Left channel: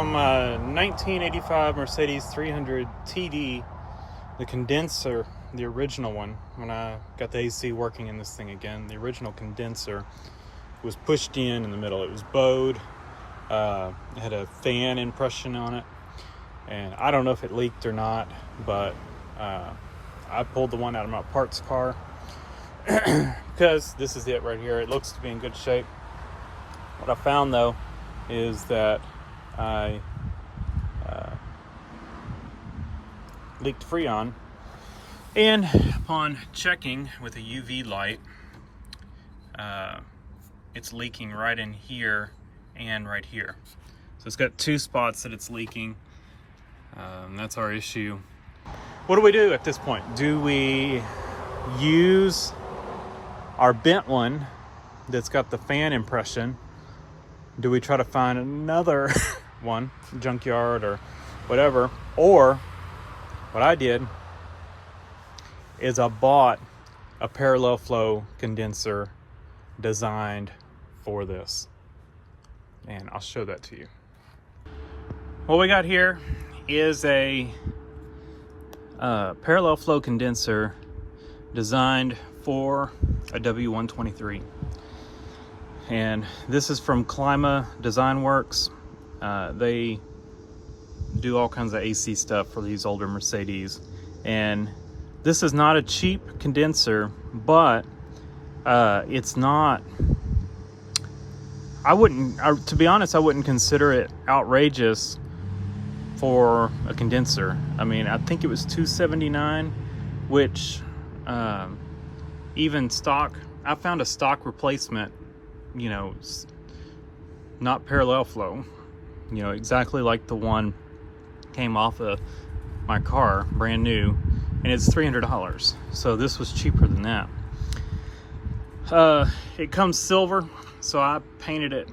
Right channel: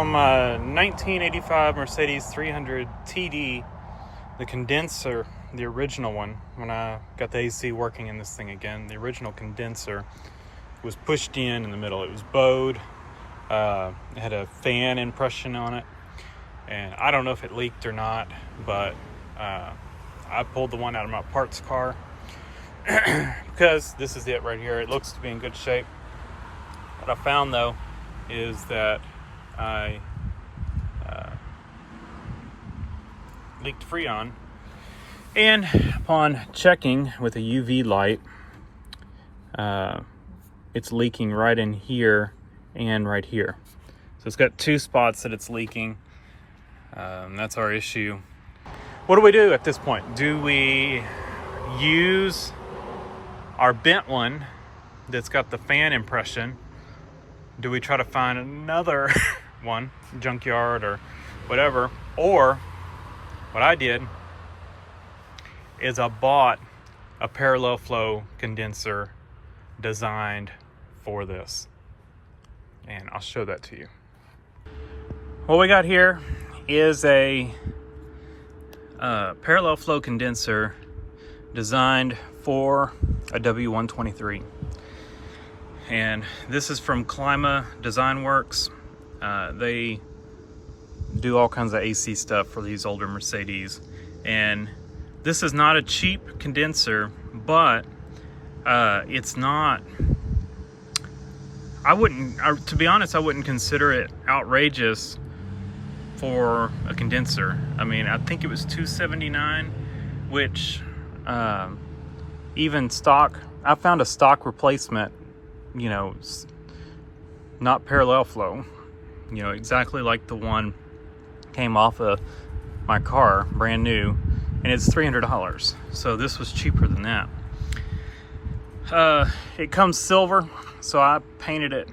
So my 1985 Mercedes 300 TD, the condenser, the original one, when I got the AC working in this thing again, the original condenser was pushed in the middle. It was bowed. It had a fan impression on it. And I don't know if it leaked or not, but I pulled the one out of my parts car because this is it right here. It looks to be in good shape. What I found though is that I leaked Freon, and upon checking with a UV light, it's leaking right in here and right here. So it's got two spots that it's leaking. That's our issue. What do we do at this point? Do we use our bent one that's got the fan impression? Do we try to find another one, junkyard or whatever? Or what I did is I bought a parallel flow condenser designed for this. And I'll show that to you. What we got here is a parallel flow condenser designed for a W123. And this is from Klimt Design Works. They do all kinds of AC stuff for these older Mercedes. And this is not a cheap condenser, but it's not, to be honest, I wouldn't consider it outrageous for a condenser. I mean, I think it was $279, which even stock, I found a stock replacement, you know, not parallel flow, you know, exactly like the one came off of my car, brand new, and it's $300. So this was cheaper than that. It comes silver, so I painted it,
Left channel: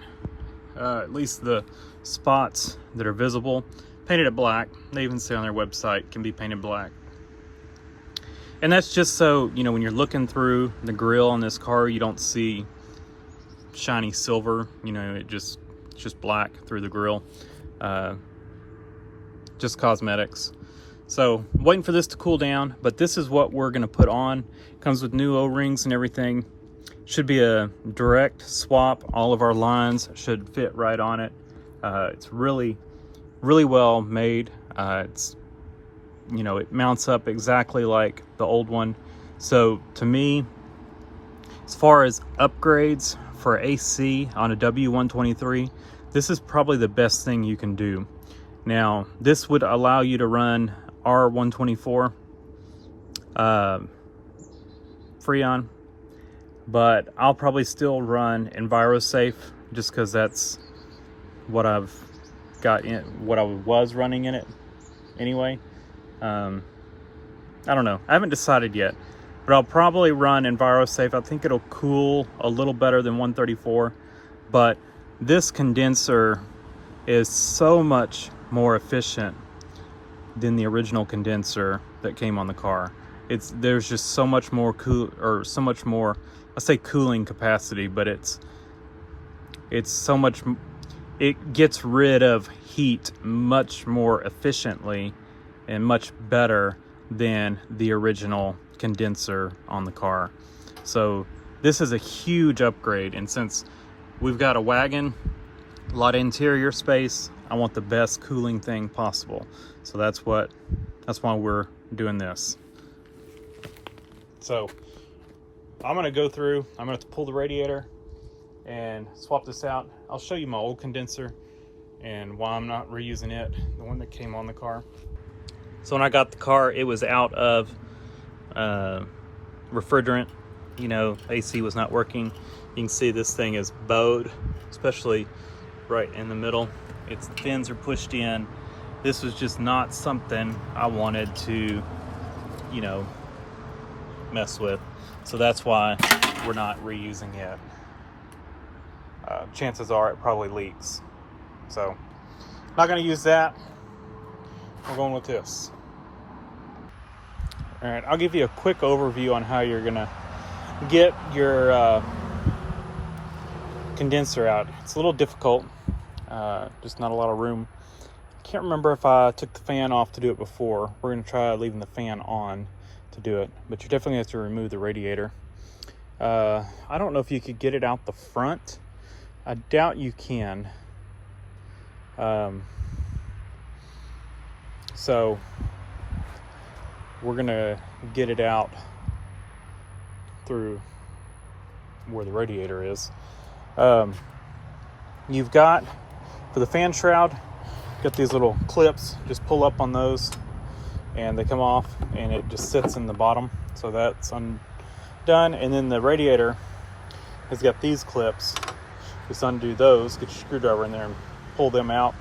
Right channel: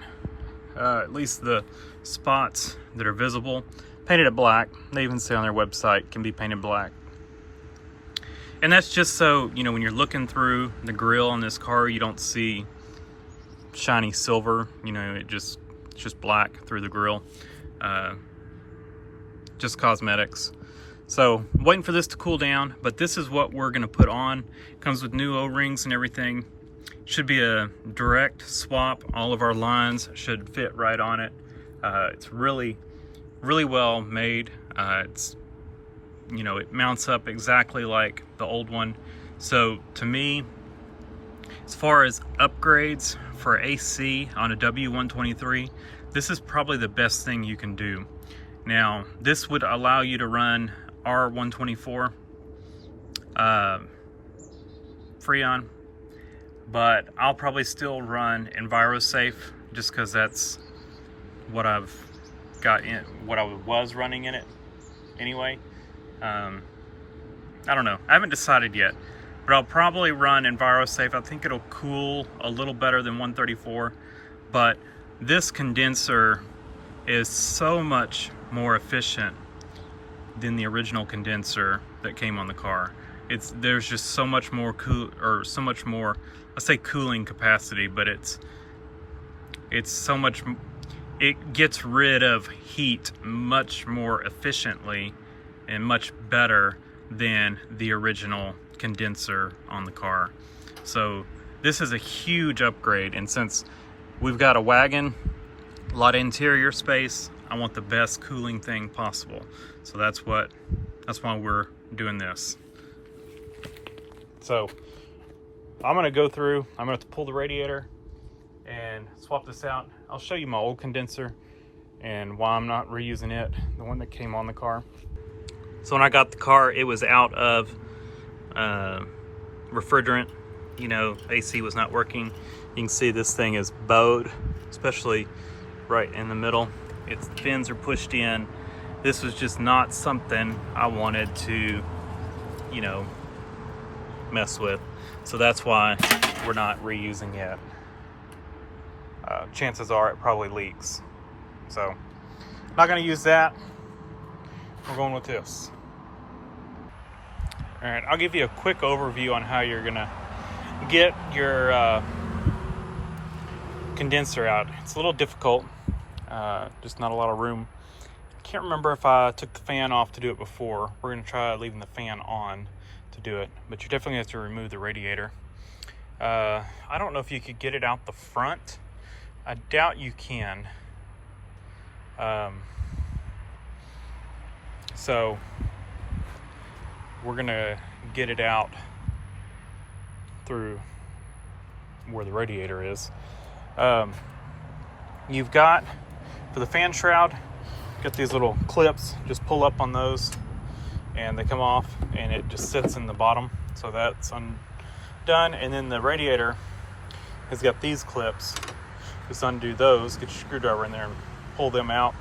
at least the spots that are visible, painted it black. They even say on their website it can be painted black. And that's just so, you know, when you're looking through the grill on this car, you don't see shiny silver, you know, it's just black through the grill. Just cosmetics. So waiting for this to cool down, but this is what we're gonna put on. Comes with new O-rings and everything. Should be a direct swap. All of our lines should fit right on it. It's really well made. It's, you know, it mounts up exactly like the old one. So to me, as far as upgrades for AC on a W123, this is probably the best thing you can do. Now, this would allow you to run R124 Freon, but I'll probably still run EnviroSafe just because that's what I've got in, what I was running in it anyway. I don't know, I haven't decided yet, but I'll probably run EnviroSafe. I think it'll cool a little better than 134, but this condenser is so much more efficient than the original condenser that came on the car. There's just so much more so much more, I say cooling capacity, but it's so much, it gets rid of heat much more efficiently and much better than the original condenser on the car. So this is a huge upgrade, and since we've got a wagon, a lot of interior space, I want the best cooling thing possible. So that's why we're doing this. So I'm gonna go through, I'm gonna have to pull the radiator and swap this out. I'll show you my old condenser and why I'm not reusing it, the one that came on the car. So when I got the car, it was out of refrigerant. You know, AC was not working. You can see this thing is bowed, especially right in the middle. Its fins are pushed in. This was just not something I wanted to, you know, mess with. So that's why we're not reusing it. Chances are it probably leaks. So not gonna use that. We're going with this. All right, I'll give you a quick overview on how you're gonna get your condenser out. It's a little difficult, just not a lot of room. can't remember if I took the fan off to do it before. We're going to try leaving the fan on to do it, but you definitely have to remove the radiator. I don't know if you could get it out the front. I doubt you can. So we're going to get it out through where the radiator is. You've got, for the fan shroud, got these little clips. Just pull up on those and they come off, and it just sits in the bottom. So that's undone. And then the radiator has got these clips. Just undo those, get your screwdriver in there and pull them out,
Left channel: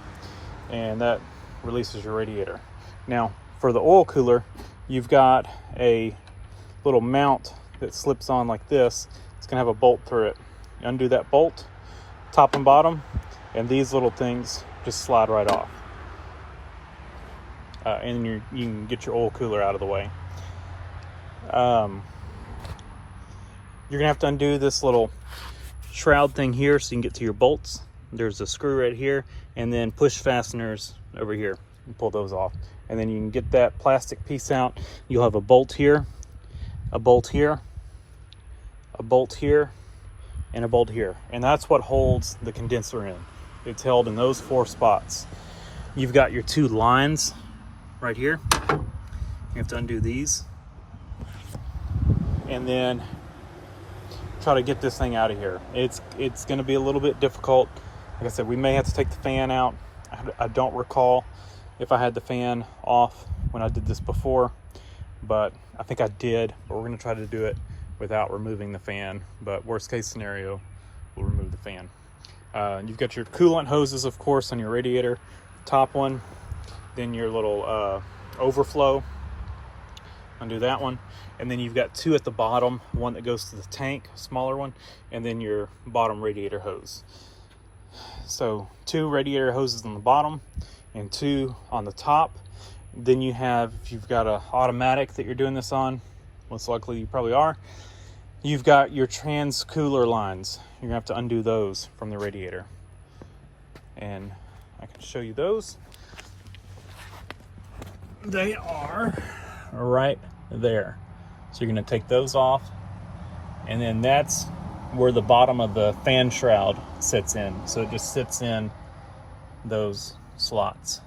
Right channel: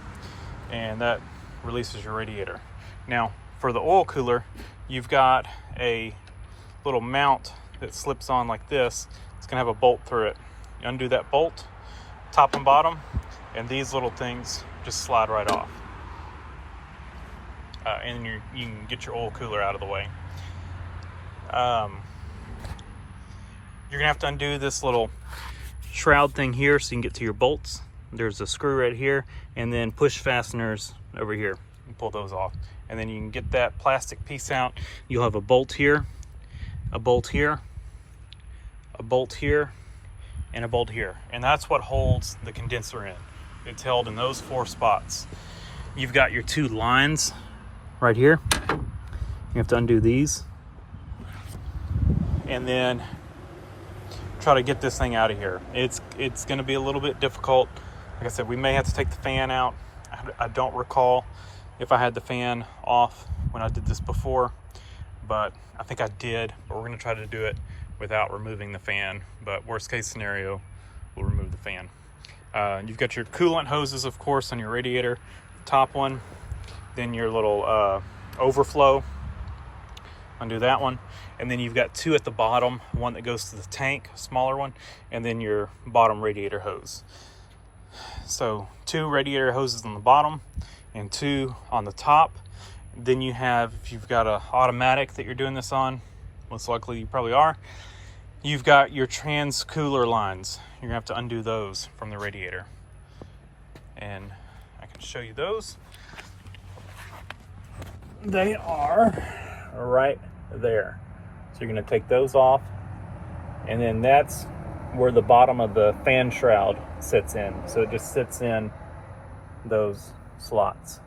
and that releases your radiator. Now for the oil cooler, you've got a little mount that slips on like this. It's gonna have a bolt through it. You undo that bolt, top and bottom, and these little things just slide right off. And you can get your oil cooler out of the way. You're gonna have to undo this little shroud thing here so you can get to your bolts. There's a screw right here, and then push fasteners over here. You pull those off, and then you can get that plastic piece out. You'll have a bolt here, a bolt here, a bolt here, and a bolt here, and that's what holds the condenser in. It's held in those 4 spots. You've got your 2 lines right here. You have to undo these, and then try to get this thing out of here. It's going to be a little bit difficult. Like I said, we may have to take the fan out. I don't recall if I had the fan off when I did this before, but I think I did. But we're going to try to do it without removing the fan. But worst case scenario, we'll remove the fan. You've got your coolant hoses, of course, on your radiator, top one. Then your little overflow. Undo that one. And then you've got 2 at the bottom, one that goes to the tank, a smaller one, and then your bottom radiator hose. So 2 radiator hoses on the bottom and 2 on the top. Then you have, if you've got an automatic that you're doing this on, most likely you probably are, you've got your trans cooler lines. You're gonna have to undo those from the radiator. And I can show you those. They are right there. So you're going to take those off, and then that's where the bottom of the fan shroud sits in. So it just sits in those slots.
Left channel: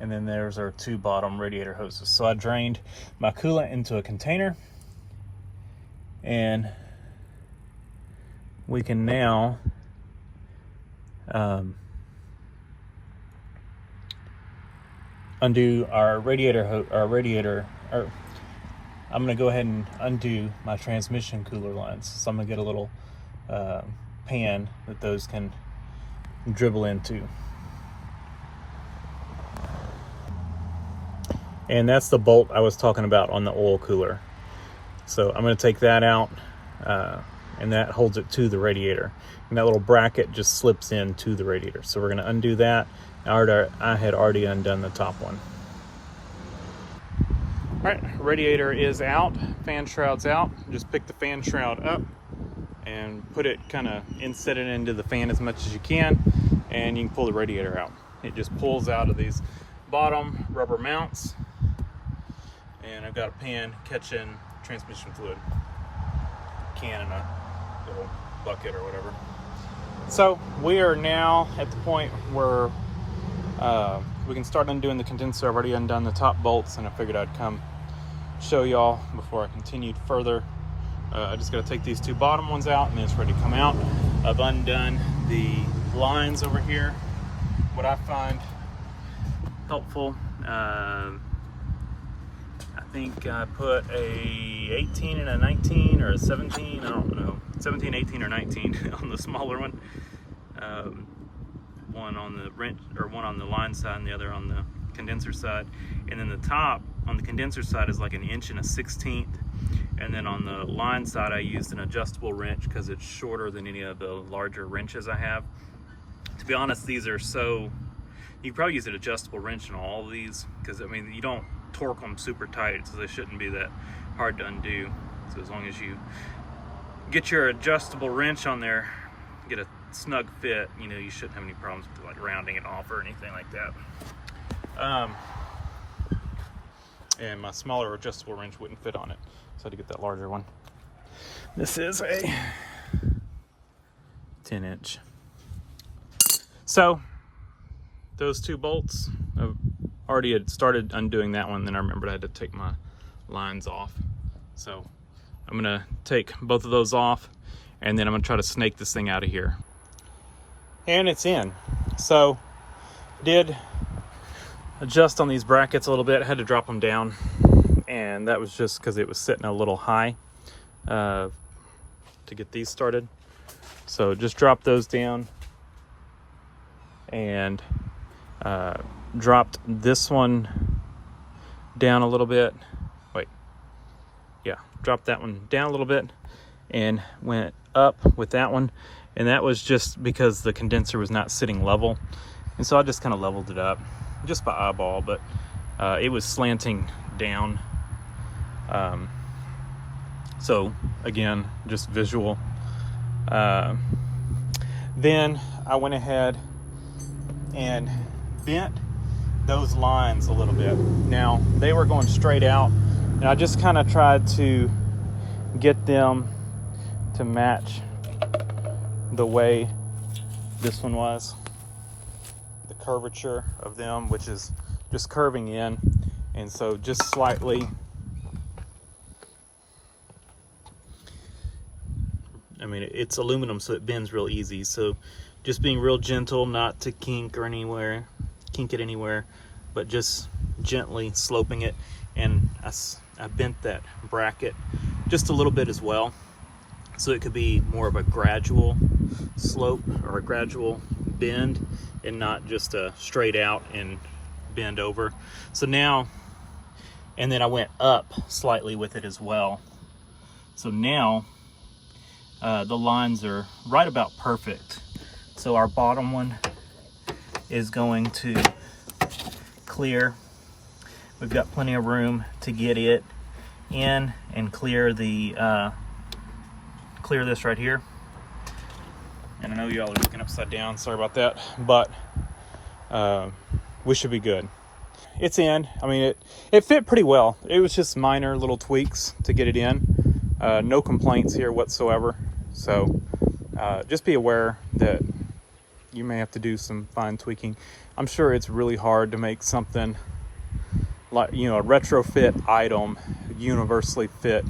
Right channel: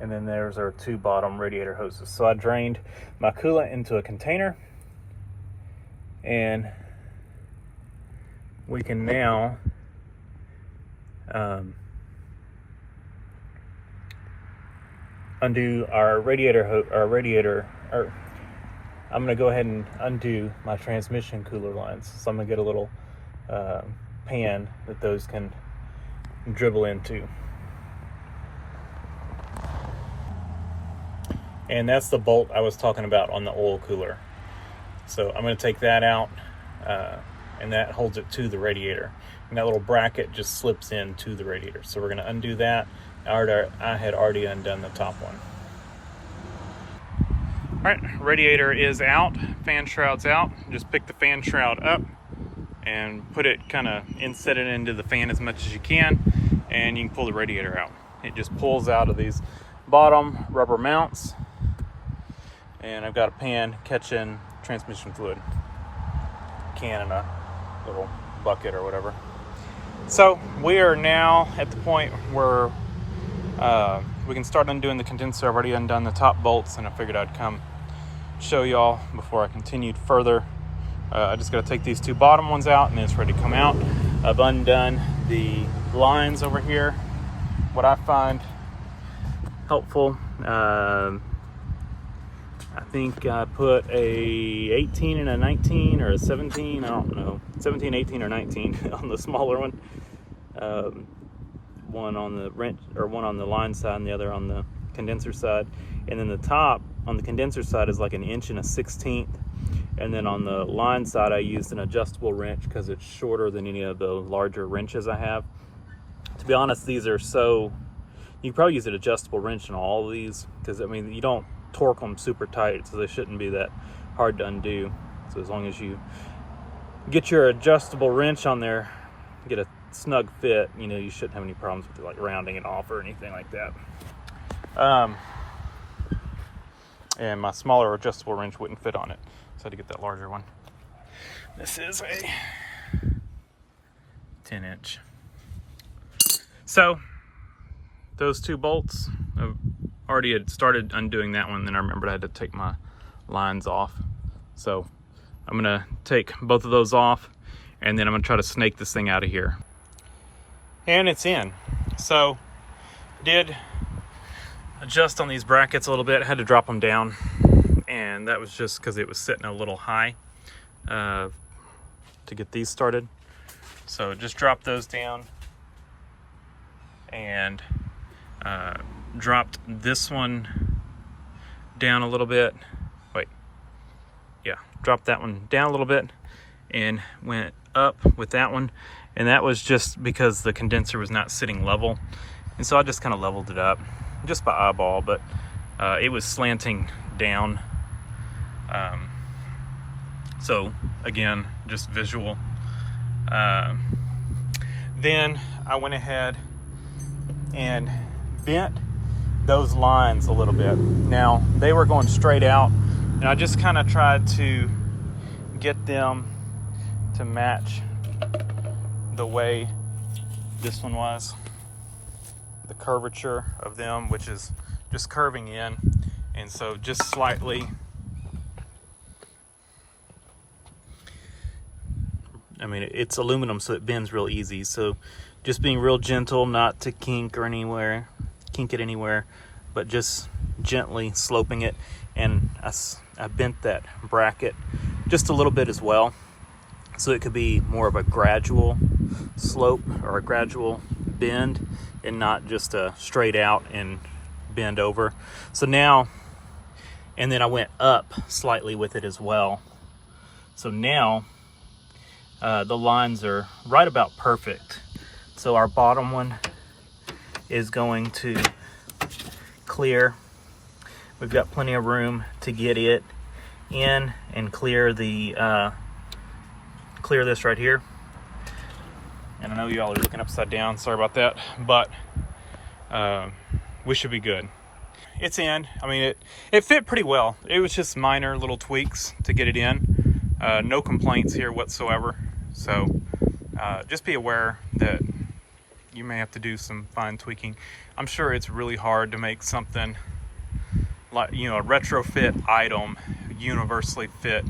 And then there's our 2 bottom radiator hoses. So I drained my coolant into a container, and we can now undo our radiator. I'm going to go ahead and undo my transmission cooler lines. So I'm going to get a little pan that those can dribble into. And that's the bolt I was talking about on the oil cooler. So I'm going to take that out, and that holds it to the radiator. And that little bracket just slips into the radiator. So we're going to undo that. I had already undone the top one. All right, radiator is out, fan shroud's out. Just pick the fan shroud up and put it inset it into the fan as much as you can, and you can pull the radiator out. It just pulls out of these bottom rubber mounts, and I've got a pan catching transmission fluid, can in a little bucket or whatever. So we are now at the point where we can start undoing the condenser. I've already undone the top bolts, and I figured I'd come show y'all before I continued further. I just got to take these 2 bottom ones out, and it's ready to come out. I've undone the lines over here. What I find helpful, I think I put a 18 and a 19 or a 17, I don't know, 17, 18 or 19 on the smaller one. One on the wrench, or one on the line side and the other on the condenser side. And then the top on the condenser side is like 1 1/16 inch. And then on the line side, I used an adjustable wrench because it's shorter than any of the larger wrenches I have. To be honest, these are so, you can probably use an adjustable wrench in all of these, because I mean, you don't torque them super tight, so they shouldn't be that hard to undo. So as long as you get your adjustable wrench on there, get a snug fit, you know, you shouldn't have any problems with like rounding it off or anything like that. And my smaller adjustable wrench wouldn't fit on it, so I had to get that larger one. This is a 10-inch. So those 2 bolts, I already had started undoing that one, then I remembered I had to take my lines off. So I'm gonna take both of those off, and then I'm gonna try to snake this thing out of here. And it's in. So did adjust on these brackets a little bit. I had to drop them down, and that was just because it was sitting a little high to get these started. So just drop those down, and dropped this one down a little bit. Dropped that one down a little bit and went up with that one, and that was just because the condenser was not sitting level, and so I just kind of leveled it up just by eyeball, but it was slanting down, so again, just visual. Then I went ahead and bent those lines a little bit. Now they were going straight out, and I just kind of tried to get them to match the way this one was, the curvature of them, which is just curving in, and so just slightly, I mean, it's aluminum, so it bends real easy, so just being real gentle, not to kink it anywhere, but just gently sloping it. And I bent that bracket just a little bit as well, so it could be more of a gradual slope or a gradual bend, and not just a straight out and bend over. So now, and then I went up slightly with it as well. So now the lines are right about perfect. So our bottom one is going to clear. We've got plenty of room to get it in and clear the clear this right here. And I know y'all are looking upside down, sorry about that, but we should be good. It's in. I mean, it fit pretty well. It was just minor little tweaks to get it in. No complaints here whatsoever. So just be aware that you may have to do some fine tweaking. I'm sure it's really hard to make something like, you know, a retrofit item universally fit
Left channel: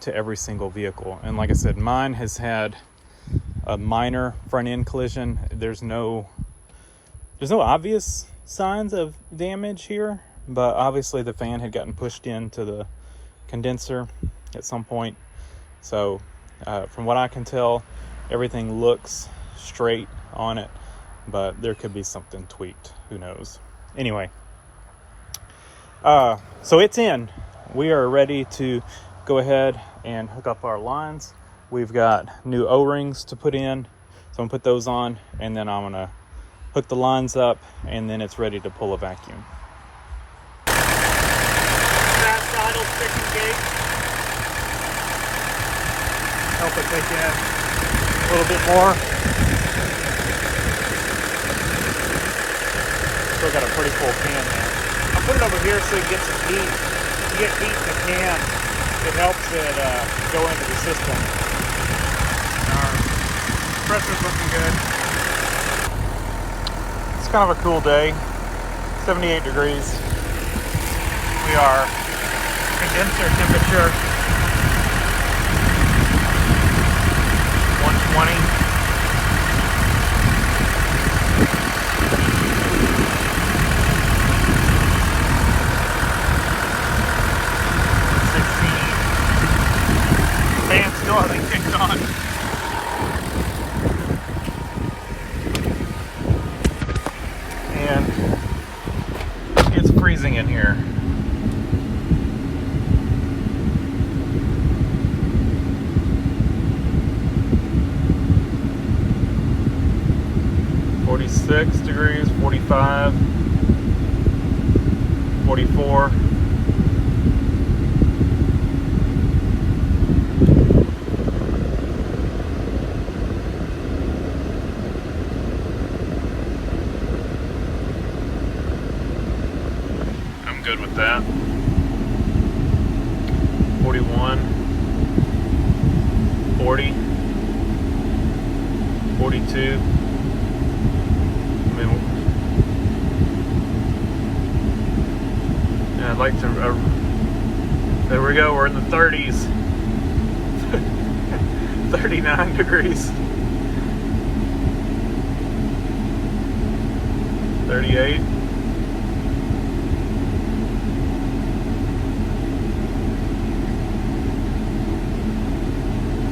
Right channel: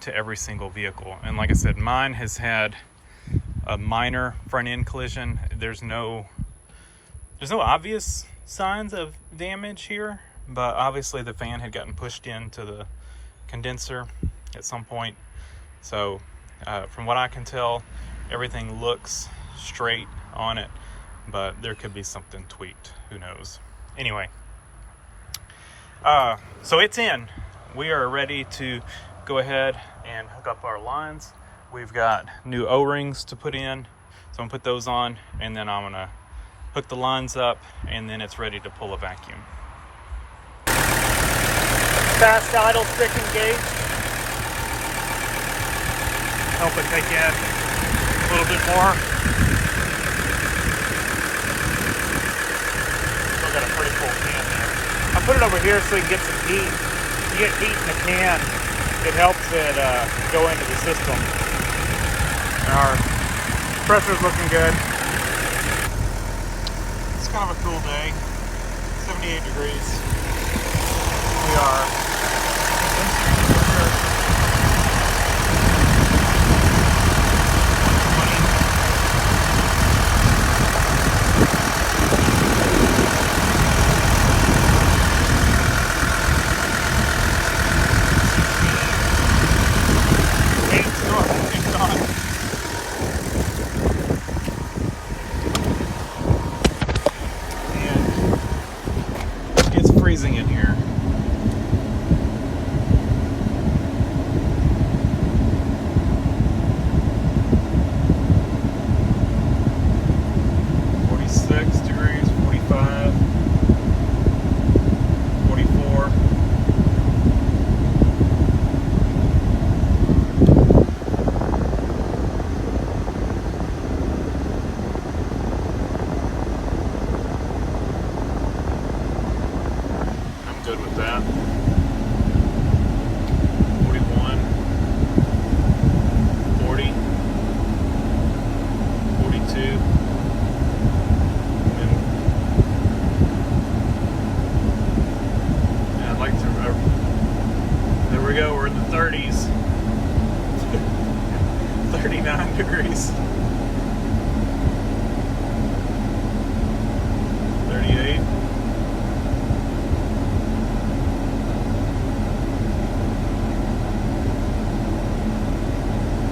to every single vehicle. And like I said, mine has had a minor front end collision. There's no obvious signs of damage here, but obviously the fan had gotten pushed into the condenser at some point. So from what I can tell, everything looks straight on it, but there could be something tweaked, who knows. Anyway, so it's in. We are ready to go ahead and hook up our lines. We've got new O-rings to put in, so I'm gonna put those on, and then I'm gonna hook the lines up, and then it's ready to pull a vacuum. Fast idle stick engage. Help it take in a little bit more. Still got a pretty cool pan there. I put it over here so you can get some heat. You get heat in the can, it helps it go into the system. Our pressure's looking good. It's kind of a cool day, 78 degrees. We are condenser temperature 120. Freezing in here. good with that. 41, 40, 42. And I'd like to, there we go, we're in the 30s. 39 degrees. 38.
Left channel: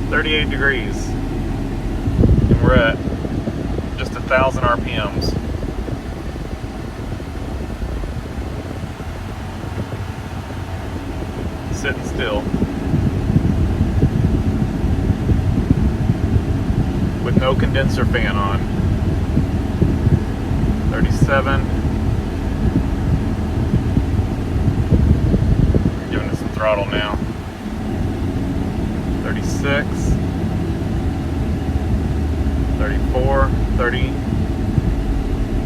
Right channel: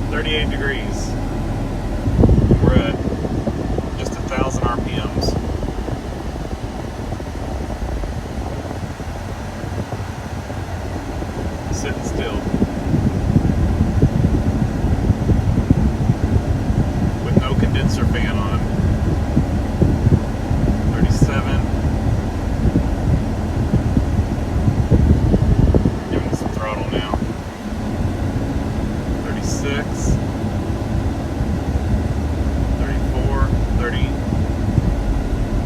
38 degrees. And we're at just 1,000 RPMs. Sitting still. With no condenser fan on. 37. Giving it some throttle now. 36. 34. 30.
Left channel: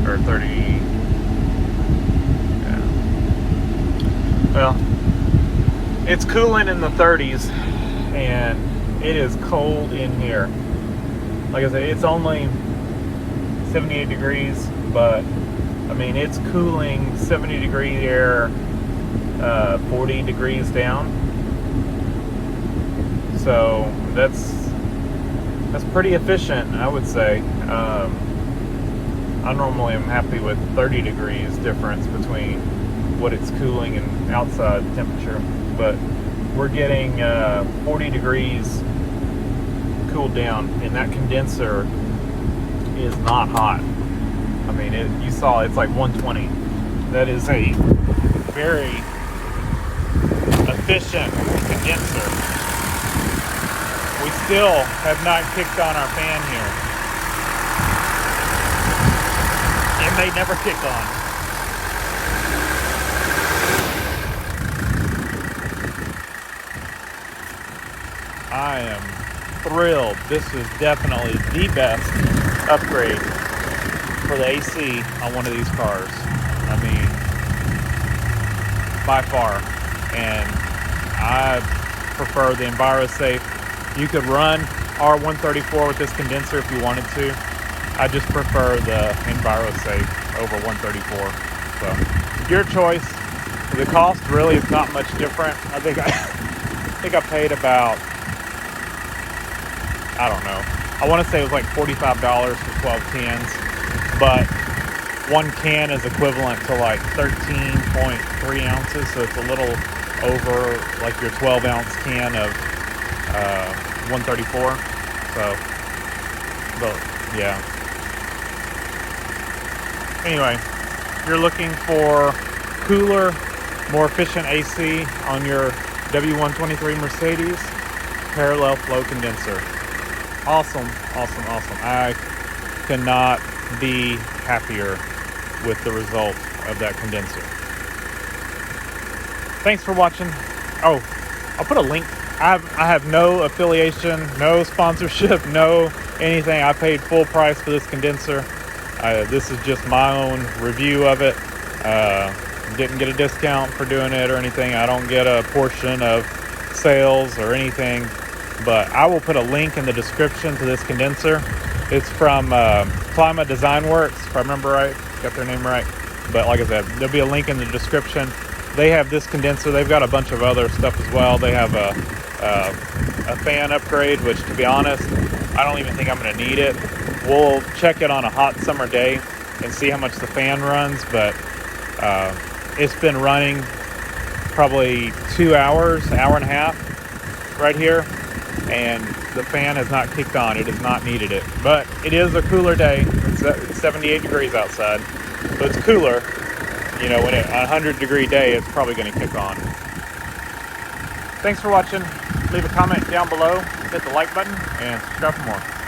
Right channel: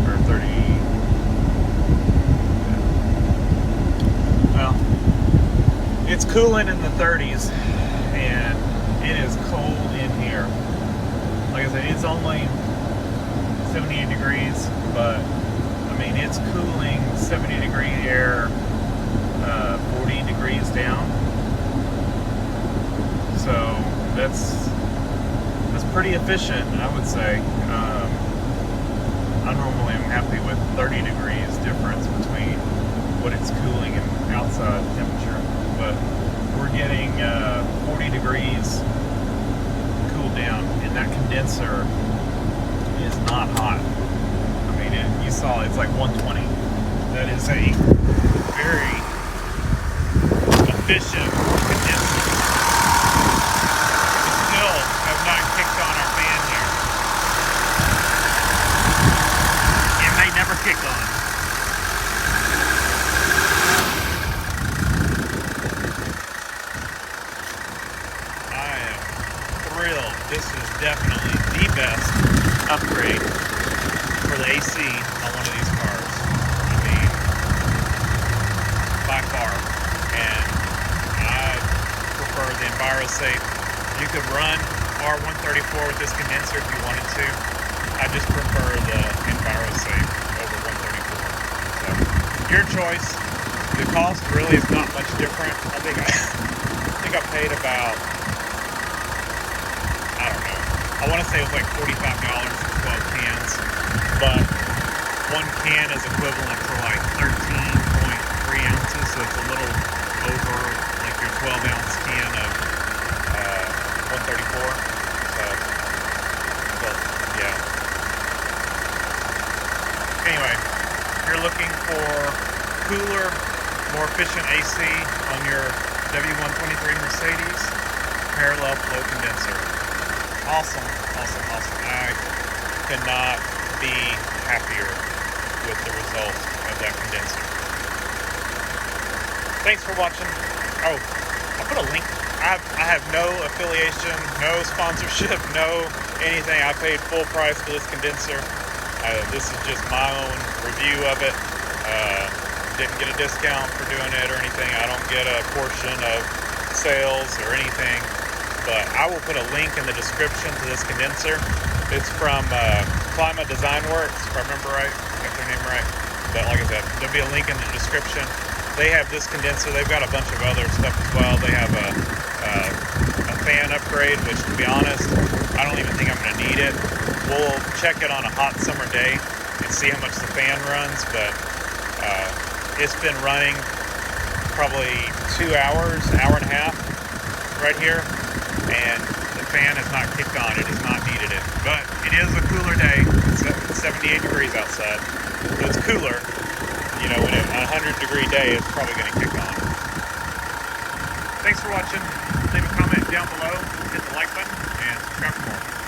Or 30. Yeah. Well, it's cooling in the 30s, and it is cold in here. Like I said, it's only 78 degrees, but I mean, it's cooling 70 degree air, 40 degrees down. So that's pretty efficient, I would say. I normally am happy with 30 degrees difference between what it's cooling and outside temperature, but we're getting 40 degrees cooled down, and that condenser is not hot. I mean, you saw it's like 120. That is a very efficient condenser. We still have not kicked on our fan here. It may never kick on. I am thrilled. This is definitely the best upgrade for the AC on one of these cars. I mean, by far. And I prefer the EnviroSafe. You could run R134 with this condenser if you wanted to. I just prefer the EnviroSafe over 134. So, your choice. The cost really is not much different. I think I paid about, I don't know. I want to say it was like $45 for 12 cans, but one can is equivalent to like 13.3 ounces, so it's a little over like your 12-ounce can of 134. So, but yeah. Anyway, if you're looking for cooler, more efficient AC on your W123 Mercedes, parallel flow condenser. Awesome, awesome, awesome. I cannot be happier with the result of that condenser. Thanks for watching. Oh, I'll put a link. I have no affiliation, no sponsorship, no anything. I paid full price for this condenser. This is just my own review of it. Didn't get a discount for doing it or anything. I don't get a portion of sales or anything. But I will put a link in the description to this condenser. It's from Klimt Design Works, if I remember right, got their name right. But like I said, there'll be a link in the description. They have this condenser. They've got a bunch of other stuff as well. They have a fan upgrade, which, to be honest, I don't even think I'm going to need it. We'll check it on a hot summer day and see how much the fan runs. But it's been running probably 2 hours, hour and a half right here, and the fan has not kicked on. It has not needed it. But it is a cooler day. It's 78 degrees outside, so it's cooler. You know, when a 100-degree day, it's probably going to kick on. Thanks for watching. Leave a comment down below, hit the like button, and subscribe for more.